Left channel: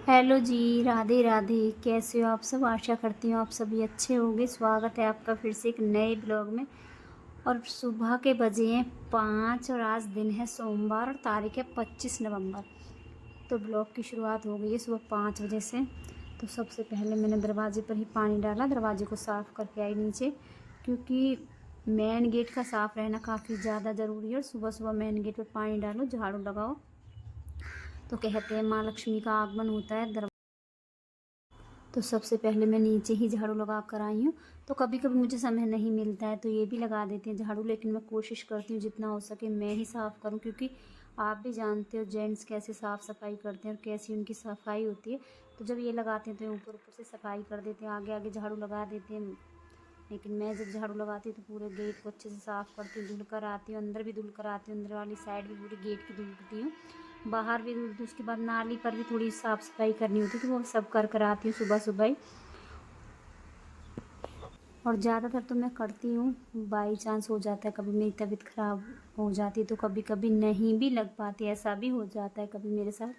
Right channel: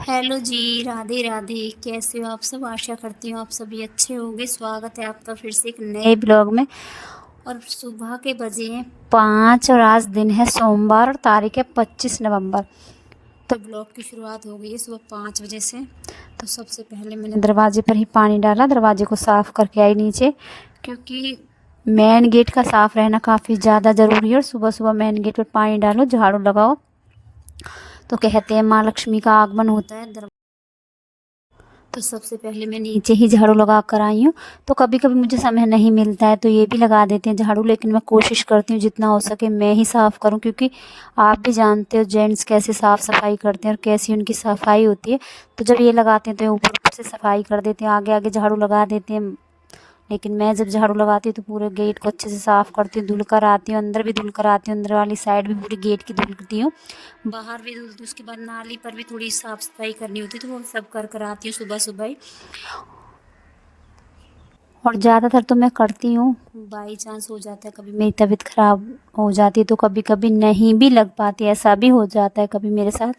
Hello जी, राधे राधे। कैसे हो आप सब? आशा करती हूँ आप सभी अच्छे होंगे। स्वागत है आपका फिर से एक नए ब्लॉग में। और सुबह के बजे हैं 5 और आज दिन है सोमवार और तारीख है 25 नवंबर। तो ब्लॉग की शुरुआत हो गई है सुबह 5 बजे से। तो सबसे पहले मैंने दरवाजे पर ही पानी डाला, दरवाजे को साफ़ करके आई नीचे, क्योंकि मेन गेट का साफ़ रहना काफ़ी ज़्यादा ज़रूरी है। और सुबह सुबह मेन गेट पर पानी डालो, झाड़ू लगाओ, तो कहते हैं माँ लक्ष्मी का आगमन होता है। तो सबसे पहले मैं नीचे ही झाड़ू लगा कर आई हूँ। तो कभी कभी मुझे समय नहीं मिलता है तो ये भी लगा देते हैं झाड़ू, लेकिन मैं कोशिश करती हूँ जितना हो सके मैं ही साफ़ करूँ, क्योंकि आप भी जानते हो जेंट्स कैसे साफ़ सफाई करते हैं और कैसी उनकी सफाई होती है। तो जब ये लगाते हैं तो ये ऊपर ऊपर से सफाई कर देते हैं, आगे आगे झाड़ू लगा देते हैं। लेकिन मैं जब झाड़ू लगाती हूँ तो पूरे गेट को अच्छे से साफ़ करती हूँ, धुल कर आती हूँ, अंदर भी धुल कर आती हूँ, अंदर वाली साइड भी पूरी गेट की धुलती हूँ, बाहर भी धुलती हूँ। उसके बाद नाली पर भी थोड़ी साफ़ सफाई करनी होती है, तो वो सब कर आती हूँ सुबह सुबह ही। और ज़्यादातर तो मैं करती हूँ, बाई चांस हो जाता है कभी मेरी तबीयत ख़राब हो जाती है तो कभी कभी नहीं भी लग पाती, ऐसा भी हो जाता है कभी मेरे साथ।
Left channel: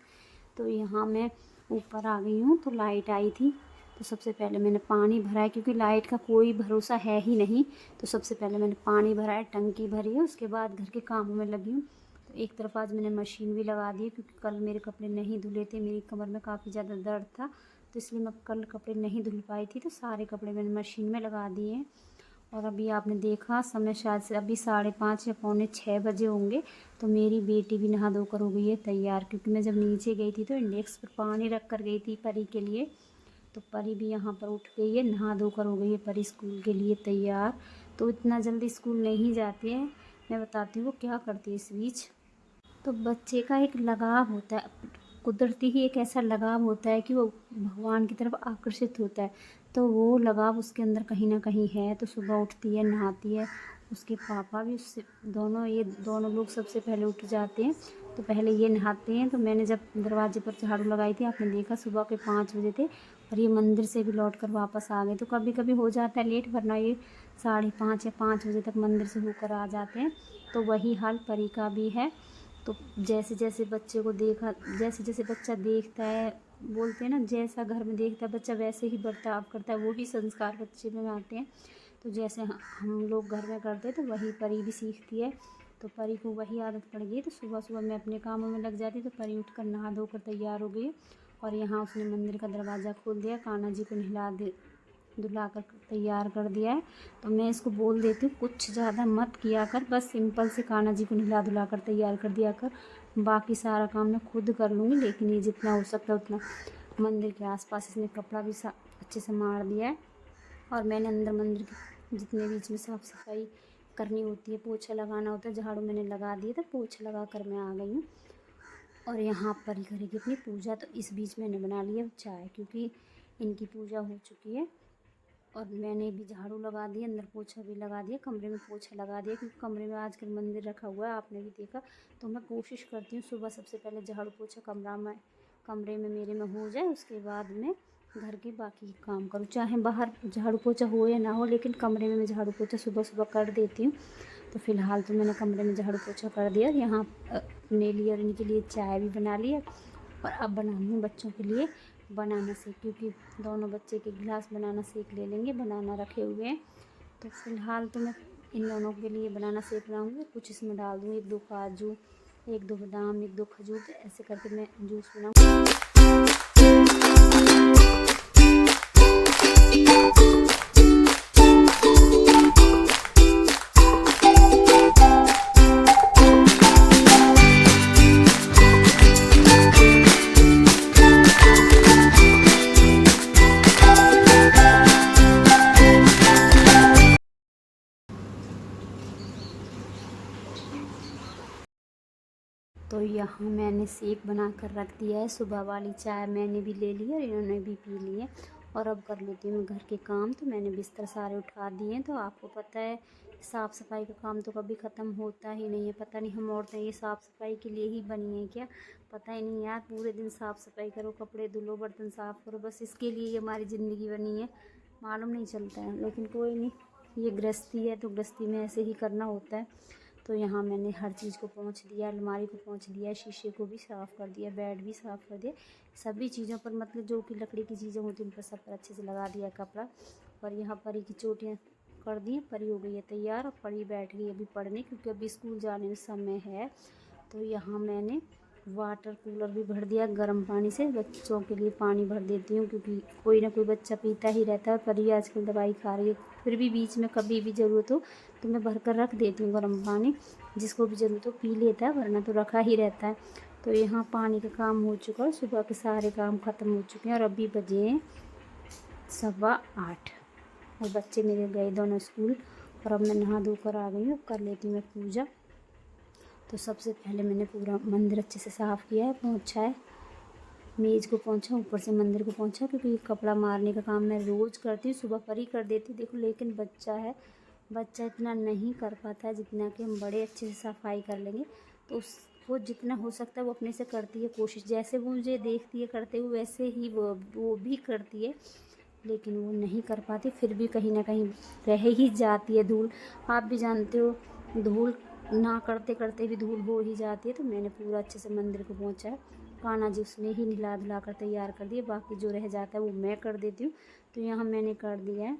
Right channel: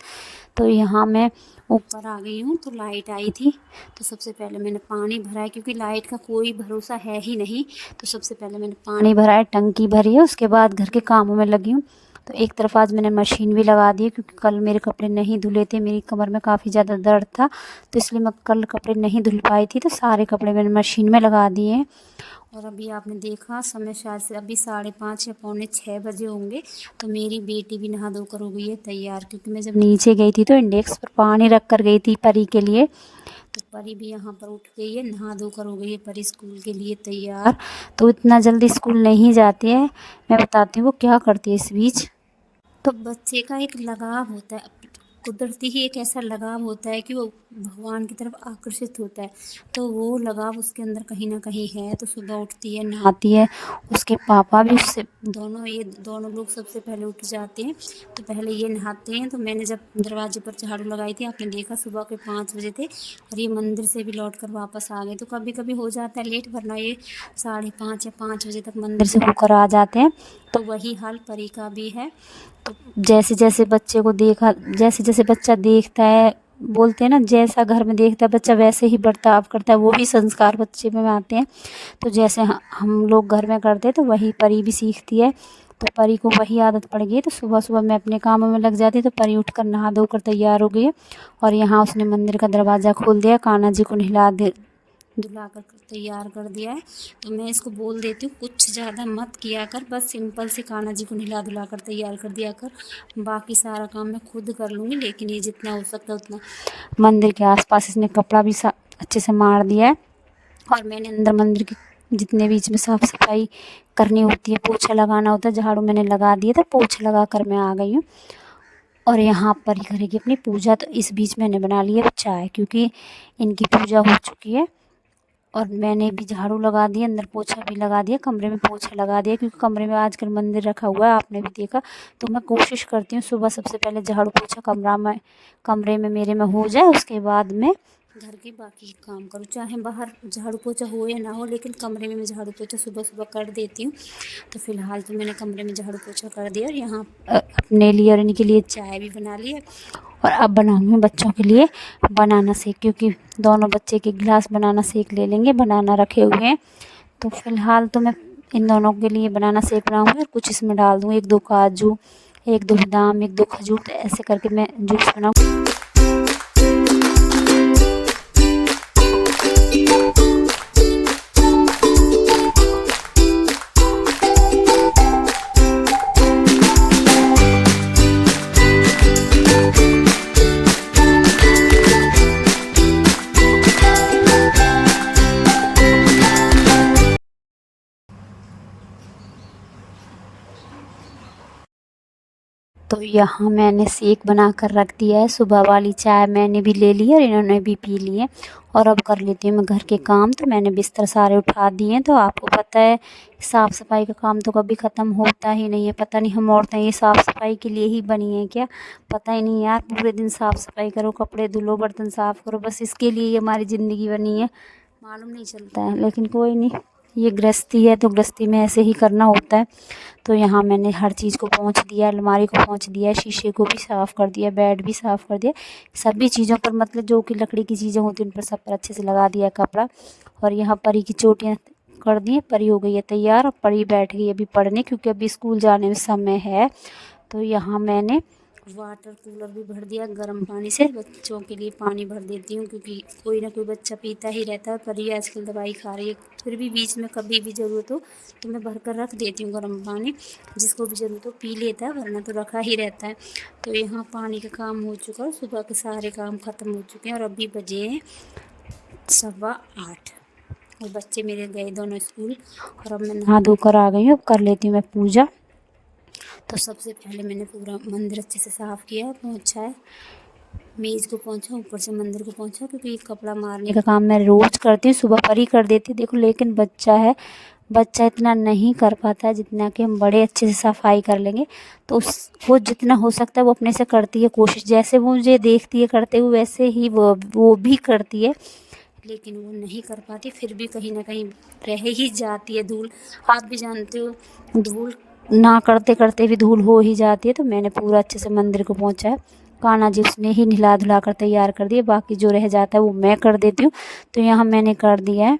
तो यहाँ मैं ऊपर आ गई हूँ तो लाइट आई थी। तो सबसे पहले मैंने पानी भरा है, क्योंकि लाइट का कोई भरोसा है ही नहीं। तो सबसे पहले मैंने पानी भरा है, टंकी भरी है, उसके बाद घर के कामों में लगी हूँ। तो एक तरफ आज मैंने मशीन भी लगा दी है, क्योंकि कल मेरे कपड़े नहीं धुले थे, मेरी कमर में काफ़ी ज़्यादा दर्द था, तो इसलिए मैं कल कपड़े नहीं धुल पाई थी। तो सारे कपड़े मैंने मशीन में लगा दिए हैं। और अभी आपने देखा समय शायद से अभी 5:30 या 5:45 बजे होंगे। तो मेरी बेटी भी नहा धोकर हो गई है तैयार, क्योंकि मैं जब नीचे गई थी तो इंडेक्स पर पानी रख कर गई थी परी के लिए। तो परी भी यहाँ पर उठ गई है, नहा धोकर हो गई है परी स्कूल के लिए तैयार। तो इतना जल्दी स्कूल नहीं जाती है। मैं बताती हूँ वो क्या करती है इस बीच। तो बच्चे का एक लगाव होता है, कुदरती ही एक ऐसा लगाव होता है कि वो भगवान की तरफ आकर्षित होता है। तो वो लगाव उसके अंदर कहीं ना कहीं है। तो सुबह उठती है, नहाती है, उसके पापा भी उससे, ये दोनों लोग सबसे पहले उठ जाते हैं। तो पहले ये नहाते हैं। तो मैंने जब दरवाजे पर झाड़ू लगाई थी, आपने देखा सुबह के 5 बजे थे, और ये मंदिर से भी लौट कर वापस आ गए। तो कभी कभी हो जाता है लेट, वरना ये 5:30 या 5 बजे तक मंदिर से होकर आ जाते हैं। तो वही हाल परी का भी है। तो जैसे जैसे बच्चे को देखा, जैसे जैसे बच्चा देखता है, बोलते हैं ना जैसा घर में देखता है बच्चा वैसे ही बर्ताव करता है, वो भी संस्कार बच्चे में आते हैं। तो जैसे हम लोग घर में करते हैं तो वही परी भी सीखती है। तो परी को वही आदत पड़ गई। तो सुबह सुबह मैं अपने कामों में लग जाती, तो परी उठकर नहा धोकर तैयार हो गई है। और यहाँ उसने मंदिर का दरवाज़ा खोल दिया, कान्हा जी को नहला दे धुला कर तैयार कर दिया है। तो मैं इसको बोल देती हूँ कुछ ज़्यादा मत किया कर, बस सिंपल से कान्हा जी को नहला धुला कर तैयार कर दिया कर, बाकी सारा काम मैं खुद कर लूँगी। लेकिन ये जितना हो सकता है उतना। मंदिर के आसपास इसने कपड़ा भी अच्छे से मार दिया है। और मैंने अंदर मंदिर के जितने बीच में साफ़ सफाई करनी होती है, पोछा लगाना होता है, झाड़ू मैंने लगा दिया था, पोछा लगा कर मैं आ गई हूँ। और यहाँ पर ही करेगी अपनी पूजा। तो इस बीच मैंने बना ली है चाय, क्योंकि इनकी पूजा हो चुकी है। और मैंने भी झाड़ू लगा दिया, अंदर पोछा भी लगा दिया, कमरे में पोछा लगा दिया, क्योंकि कमरे में आजकल मंदिर रखा हुआ है, आपने भी देखा। तो मैं कोशिश करती हूँ सुबह सबसे पहले झाड़ू पोछा कमरे में मेरे में हो जाए, उसके बाद मैं घर के बाकी काम करूँ, चाहे बाहर झाड़ू पोछा हो या ना हो, लेकिन कमरे में मैं झाड़ू पोछा सुबह सुबह कर देती हूँ। तो फ़िलहाल तो मैंने कमरे में झाड़ू पोछा कर दिया, और यहाँ अपने लिए और इनके लिए चाय भी बना ली है। और अब बनाऊँगी बच्चों के लिए बनाना शेक, क्योंकि दोनों बच्चे एक एक गिलास बनाना शेक ले लेंगे, बनाना रखे हुए हैं। तो फ़िलहाल तो मैं इन दोनों के लिए बनाना शेक बनाऊँगी, और कुछ इसमें डाल दूँ, 1-2 काजू, 1-2 बादाम, 1-2 खजूर, तो ऐसे करके मैं जूस बनाऊँगी। तो यहाँ मैंने शेक बना कर रख दिया है, सुबह वाली चाय मैंने भी ले ली है और इन्होंने भी पी ली है। और अब कर लेती हूँ मैं घर के काम। तो मैंने बिस्तर सारे उठा दिए हैं। तो आपको पता है साफ़ सफाई का काम तो कभी ख़त्म होता ही नहीं है। पता नहीं हम औरतें ये साफ़ सफाई के लिए ही बनी हैं क्या? पता ही नहीं यार, पूरे दिन साफ़ सफाई करो, कपड़े धुलो, बर्तन साफ़ करो, बस इसके लिए ही हमारी ज़िंदगी बनी है। मालूम नहीं चलता है, लेकिन कोई नहीं, ये गृहस्थी है तो गृहस्थी में ऐसे ही करना होता है। तो यहाँ मैंने हर चीज़ को पोंछ दिया, अलमारी को पोंछ दिया, शीशे को भी साफ़ कर दिया, बेड भी साफ़ कर दिया। सभी चीज़ों पर मतलब जो कि लकड़ी की चीज़ें होती हैं उन पर सब पर अच्छे से लगा दिया कपड़ा। और यहाँ परी की चोटियाँ कर दी, परी हो गई है तैयार। और परी बैठ गई अभी पढ़ने, क्योंकि अभी स्कूल जाने में समय है। तो यहाँ मैंने वाटर कूलर भी भर दिया गर्म पानी से, बच्चों के लिए पानी भर देती हूँ क्योंकि कोई ना कोई बच्चा पीता ही रहता है। परी आजकल दवाई खा रही है, फिर भी बीच में कभी भी ज़रूरत हो तो मैं भर कर रख देती हूँ गर्म पानी, जिसको भी ज़रूरत हो पी लेता है, वरना तो रखा ही रहता है। तो यहाँ पानी का काम हो चुका है, सुबह के सारे काम ख़त्म हो चुके हैं और अभी बजे हैं 8:15 और बच्चे मेरे गए दोनों स्कूल। और अब मैं नहा धोकर आ गई हूँ, अब कर लेती हूँ मैं पूजा। तो सबसे पहले मैंने पूरा मंदिर अच्छे से साफ़ किया, पोंछा है, मेज़ को पोंछा, ऊपर से मंदिर को पोंछा, क्योंकि कपड़ा मारने का काम मैं रोज़ करती हूँ, सुबह पर ही कर देती हूँ देखो। लेकिन बच्चा है, बच्चा इतना नहीं कर पाता है जितना कि हम बड़े अच्छे से सफाई कर लेंगे। तो उस वो जितना हो सकता है वो अपने से करती है कोशिश, जैसे वो मुझे देखती है करते हुए वैसे ही वो भी करती है, लेकिन वो नहीं कर पाती, फिर भी कहीं ना कहीं रह ही जाती है धूल। आप भी जानते हो धूल ना करते करते भी धूल हो ही जाती है। तो मैंने पूरा अच्छे से मंदिर को पोंछा है, कान्हा जी उसने ही नहला धुला कर तैयार कर दिए, बाकी जो रह जाता है वो मैं कर देती हूँ। तो यहाँ मैंने कर दिया है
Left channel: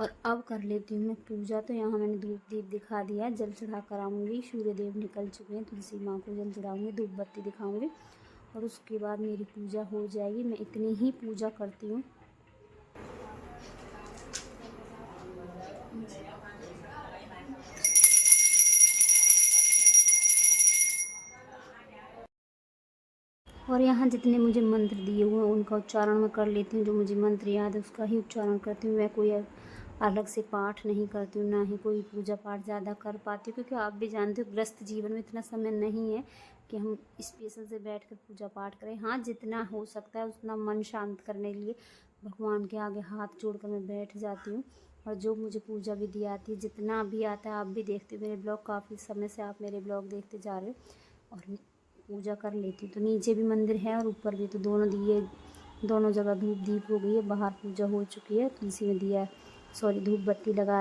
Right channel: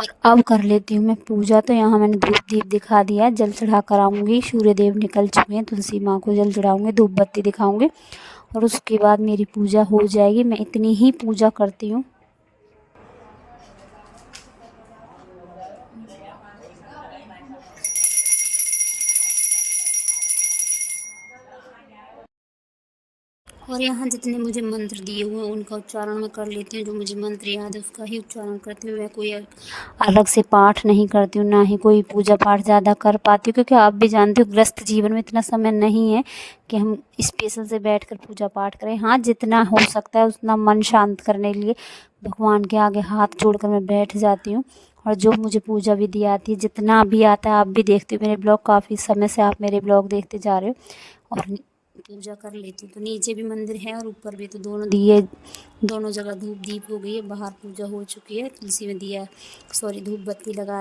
और अब कर लेती हूँ मैं पूजा। तो यहाँ मैंने धूप दीप दिखा दिया है, जल चढ़ा कर आऊँगी, सूर्य देव निकल चुके हैं, तुलसी माँ को जल चढ़ाऊँगी, धूप बत्ती दिखाऊँगी और उसके बाद मेरी पूजा हो जाएगी। मैं इतनी ही पूजा करती हूँ। और यहाँ जितने मुझे मंत्र दिए हुए हैं उनका उच्चारण मैं कर लेती हूँ, जो मुझे मंत्र याद है उसका ही उच्चारण करती हूँ। मैं कोई अलग से पाठ नहीं करती हूँ, ना ही कोई पूजा पाठ ज़्यादा कर पाती हूँ, क्योंकि आप भी जानते हो गृहस्थ जीवन में इतना समय नहीं है कि हम स्पेशल से बैठकर पूजा पाठ करें। हाँ, जितना हो सकता है उतना मन शांत करने के लिए भगवान के आगे हाथ जोड़कर मैं बैठ जाती हूँ। और जो मुझे पूजा विधि आती है, जितना भी आता है, आप भी देखते हो मेरे ब्लॉग, काफ़ी समय से आप मेरे ब्लॉग देखते जा रहे हो, और पूजा कर लेती हूँ। तो नीचे भी मंदिर है और ऊपर भी, तो दोनों दिए, दोनों जगह धूप दीप हो गई है, बाहर पूजा हो चुकी है, तुलसी में दिया धूप बत्ती लगा।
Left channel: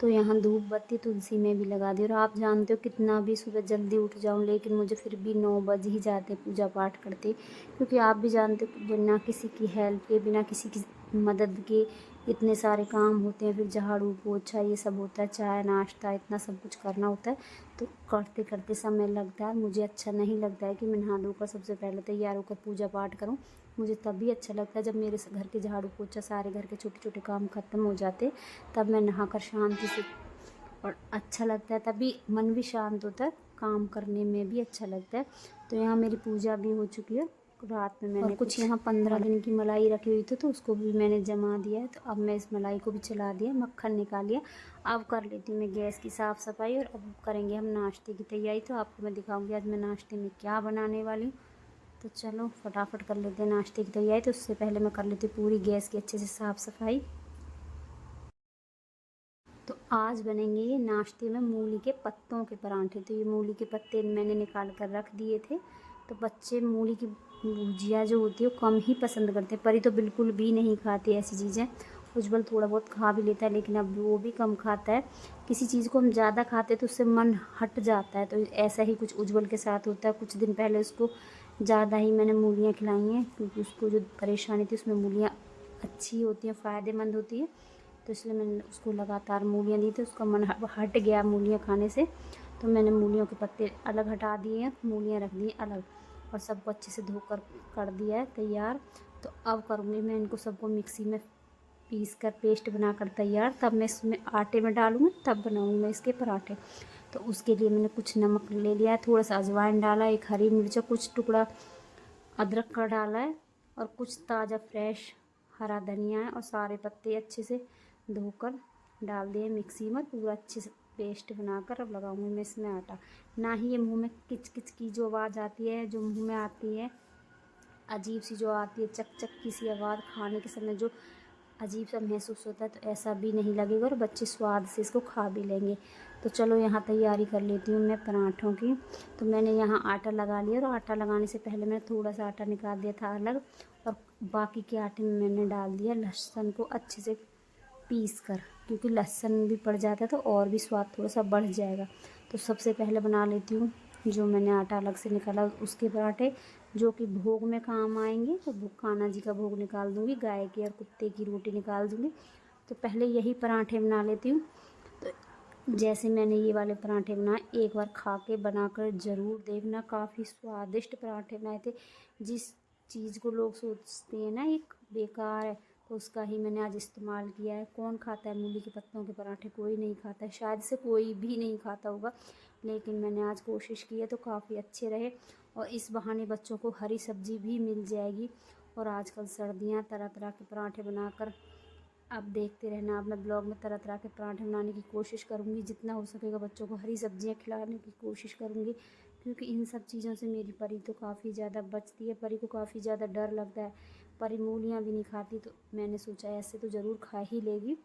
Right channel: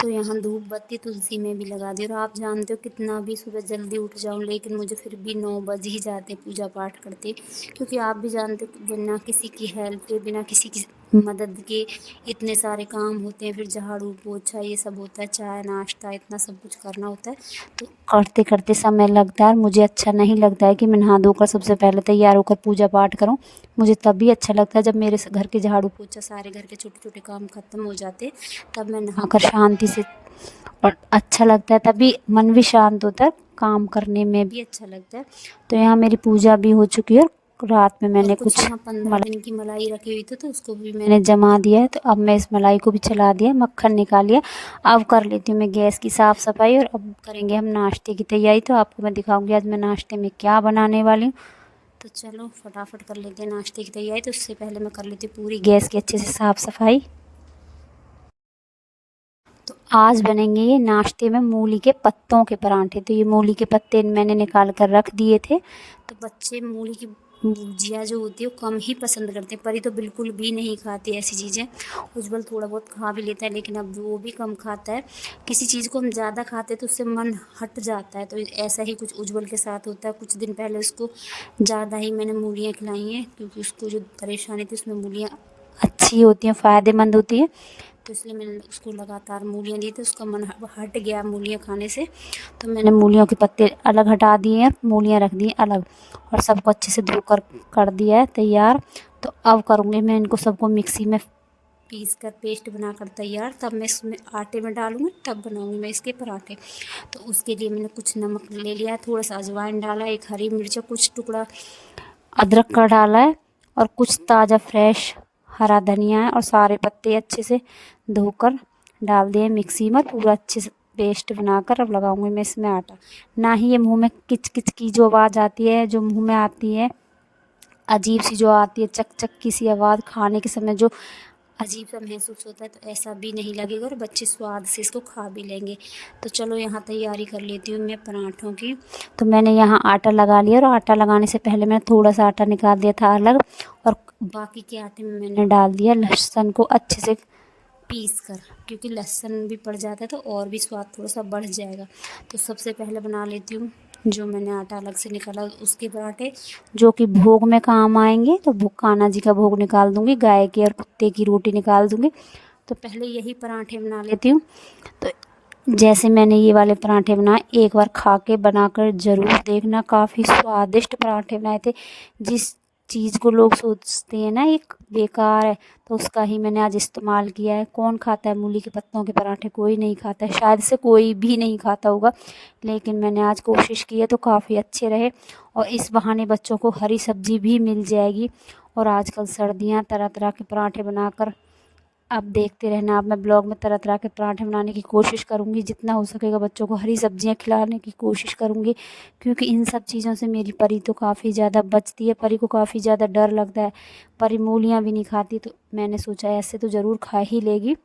तो यहाँ धूप बत्ती तुलसी में भी लगा दी। और आप जानते हो कितना भी सुबह जल्दी उठ जाऊँ लेकिन मुझे फिर भी 9 बज ही जाते पूजा पाठ करते, क्योंकि आप भी जानते हो बिना किसी की हेल्प के, बिना किसी की मदद के इतने सारे काम होते हैं, फिर झाड़ू पोछा ये सब होता है, चाय नाश्ता इतना सब कुछ करना होता है। तो करते करते समय लगता है, मुझे अच्छा नहीं लगता है कि मैं नहा धोकर सबसे पहले तैयार होकर पूजा पाठ करूँ। मुझे तभी अच्छा लगता है जब मेरे घर के झाड़ू पोछा सारे घर के छोटे छोटे काम ख़त्म हो जाते, तब मैं नहाकर शांति से, और अच्छा लगता है, तभी मन भी शांत होता है, काम करने में भी अच्छा लगता है। तो यहाँ मेरी पूजा भी हो चुकी है। रात में मैंने कुछ यहाँ 15 दिन की मलाई रखी हुई थी, तो उसको भी मैंने जमा दिया है। तो अब मैं इस मलाई को भी चला दिया, मक्खन निकाल लिया। अब कर लेती हूँ मैं गैस की साफ़ सफाई, और अब करेंगे हम नाश्ते की तैयारी। तो आपको मैं दिखाऊंगी आज मैं नाश्ते में क्या बनाने वाली हूँ। तो चलो फटाफट कर लेते हैं नाश्ते की तैयारी। तो उससे पहले मैं कर लेती हूँ पूरी गैस की अच्छे से साफ़ सफाई। तो आज बनेंगे ये नाश्ते में मूली के पत्तों के परांठे। तो ये मूली के पत्ते मैंने निकाल कर रख दिए थे। तो बच्चे मूली की भुजिया जो होती है वो कम ही पसंद करते हैं, परी तो बिल्कुल भी नहीं खाती ऐसी चीज़ें। उज्जवल थोड़ा बहुत खा भी लेता है, लेकिन अब वो भी कम खाता है। किसी चीज़ को हम ज़्यादा खाते हैं तो उससे मन हट जाता है, तो ऐसा ही कुछ उज्जवल के साथ होता है। कुछ दिन पहले उसको ज़्यादा ही मैंने मूलियाँ खिलाई हैं, क्योंकि उसको जो परेशानी थी, उसमें मूलियाँ अच्छी होती हैं, फ़ायदेमंद होती हैं, तो इसलिए मैंने उसको लगातार मूलियाँ दी थी। उसका मन हट गया मूलियाँ खाने से, तो मैंने मूलियों के पत्ते अलग हटा दिए हैं, मूलियाँ रख दी अलग, और सबको अच्छे से धोकर कर दिया है तैयार। तो अब करूँगी मैं इनको सबको मिक्सी में पीस कर पेस्ट बनाकर तैयार, तब मैं इसमें आटे में डालूँगी, तब बनाऊँगी मैं इसके पराठे। तो उसके लिए मैंने कुछ नमक ले लिया है, थोड़ा सा अजवाइन डाला, एक हरी मिर्च, कुछ टुकड़ा अदरक का डाला है, और कुछ ताज़ा फ्रेश हरा धनिया है, और सारे पत्ते अच्छे से धोकर डाल दिए मिक्सी में, पूरा अच्छे से पेस्ट बनाकर अब लगाऊंगी मैं इसमें आटा। ना ही ये मुंह में किच किच की जो आवाज़ आती है, जो मुंह में आती है अजीब सी जो आती है चक चक की सी आवाज़, खाने के समय जो अजीब सा महसूस होता है, तो ऐसा भी नहीं लगेगा, और बच्चे स्वाद से इसको खा भी लेंगे। तो चलो यहाँ तैयारी कर लेती हूँ मैं पराठों की। तो मैंने यहाँ आटा लगा लिया, और आटा लगाने से पहले मैंने थोड़ा सा आटा निकाल दिया था अलग, और बाकी के आटे में मैंने डाल दिया लहसुन को अच्छे से पीस कर, क्योंकि लहसुन भी पड़ जाता है तो और भी स्वाद थोड़ा सा बढ़ जाएगा। तो सबसे पहले बना लेती हूँ जो मैंने आटा अलग से निकाला उसके पराठे, जो कि भोग में काम आएंगे। तो कान्हा जी का भोग निकाल दूँगी, गाय की और कुत्ते की रोटी निकाल दूँगी। तो पहले यही पराठे बना लेती हूँ। तो जैसे मैंने ये वाले पराठे बनाए, एक बार खा के बनाकर ज़रूर देखना, काफ़ी स्वादिष्ट पराठे बनाए थे। जिस चीज़ को लोग सोचते हैं ना ये बेकार है, तो उसका ही मैंने आज इस्तेमाल किया है। कौन खाता है मूली के पत्तों के पराठे? कोई नहीं खाता है, शायद से कोई भी नहीं खाता होगा, लेकिन मैंने आज कोशिश की है तो काफ़ी अच्छे रहे। और इस बहाने बच्चों को हरी सब्ज़ी भी मिल जाएगी। और आजकल सर्दियाँ, तरह तरह के पराठे बनाकर आप देखते रहना। अब मैं ब्लॉग में तरह तरह के पराठे बनाने की कोशिश करूँगी, जितना हो सकेगा बच्चों को हरी सब्जियां खिलाने की कोशिश करूँगी, क्योंकि इन सब चीज़ों से मेरी परी तो काफ़ी ज़्यादा बचती है। परी को काफ़ी ज़्यादा डर लगता है, परी मूलियाँ भी नहीं खाती। तो मैंने सोचा ऐसे तो ज़रूर खा ही लेगी।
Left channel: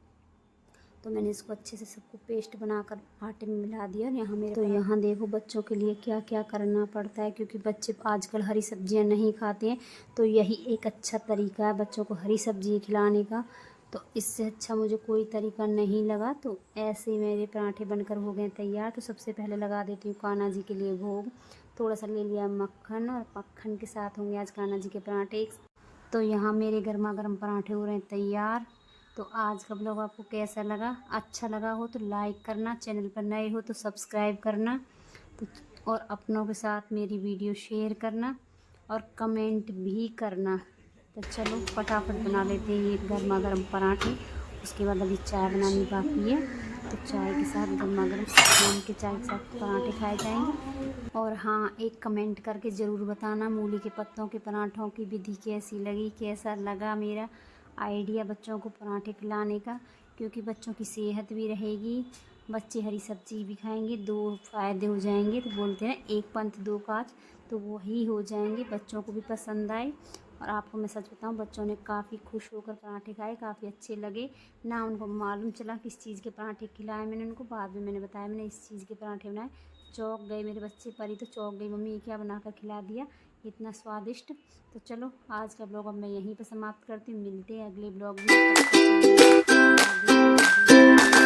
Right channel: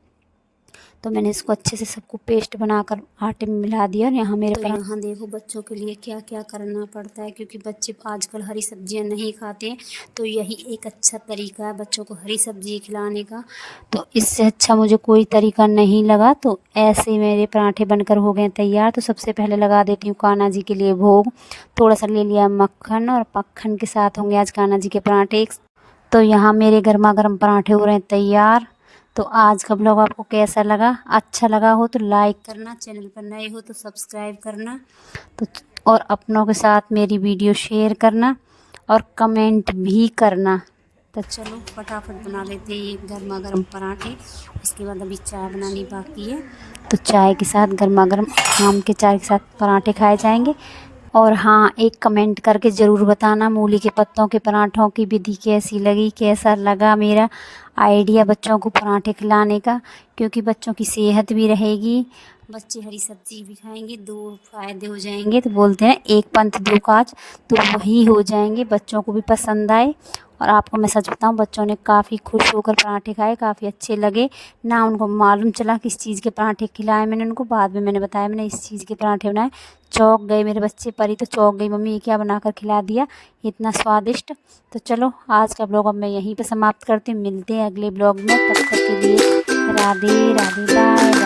तो मैंने इसको अच्छे से सबको पेस्ट बनाकर आटे में मिला दिया। और यहाँ मेरे यहाँ देखो बच्चों के लिए क्या क्या करना पड़ता है, क्योंकि बच्चे आजकल हरी सब्जियां नहीं खाते हैं। तो यही एक अच्छा तरीका है बच्चों को हरी सब्जी खिलाने का। तो इससे अच्छा मुझे कोई तरीका नहीं लगा। तो ऐसे मेरे पराठे बनकर हो गए तैयार। तो सबसे पहले लगा देती हूँ कान्हा जी के लिए भोग। थोड़ा सा ले लिया मक्खन, और मक्खन के साथ होंगे आज कान्हा जी के पराठे। तो यहाँ मेरे गर्मा गर्म पराठे हो रहे हैं तैयार। तो आज का ब्लॉग आपको कैसा लगा? अच्छा लगा हो तो लाइक करना, चैनल पर नए हो तो सब्सक्राइब करना, तो और अपनों के साथ मेरी वीडियो शेयर करना और कमेंट भी करना। तो चलो फटाफट बना लेते हैं ये गर्मा गर्म पराठे। उसके बाद अभी चाय बनानी बाकी है। तो चाय के साथ गर्मा गर्म आम के चाय के साथ पराठे खाए जाएंगे। और हाँ, एक कमेंट करके ज़रूर बताना मूली के पत्तों के पराठों की विधि कैसी लगी, कैसा लगा मेरा आइडिया बच्चों को पराठे खिलाने का। क्योंकि बच्चों की सेहत भी रहेगी, बच्चे हरी सब्जी भी खाएंगे, दो फायदे हो जाएंगे। तो बोलते हैं एक पंथ दो काज, तो वही हो जाएंगे, बच्चों को भी पसंद आए। और आपको मैं सच बताऊं, बच्चों ने काफ़ी खुश होकर पराठे खाए, काफ़ी अच्छे लगे ना। उनको मालूम चला किस चीज़ के पराठे खिलाए मैंने उनको, बाद में मैंने बताया मैंने इस चीज़ के पराठे बनाए। चौंक गए मेरे बच्चे, परी तो चौंक गई, मम्मी ये क्या बना कर खिला दिया इतना स्वादिष्ट। तो चलो आज का ब्लॉग अब मैं यहीं पे समाप्त करती हूँ। मिलते हैं अगले ब्लॉग में, तब तक के लिए राधे राधे, बाय बाय।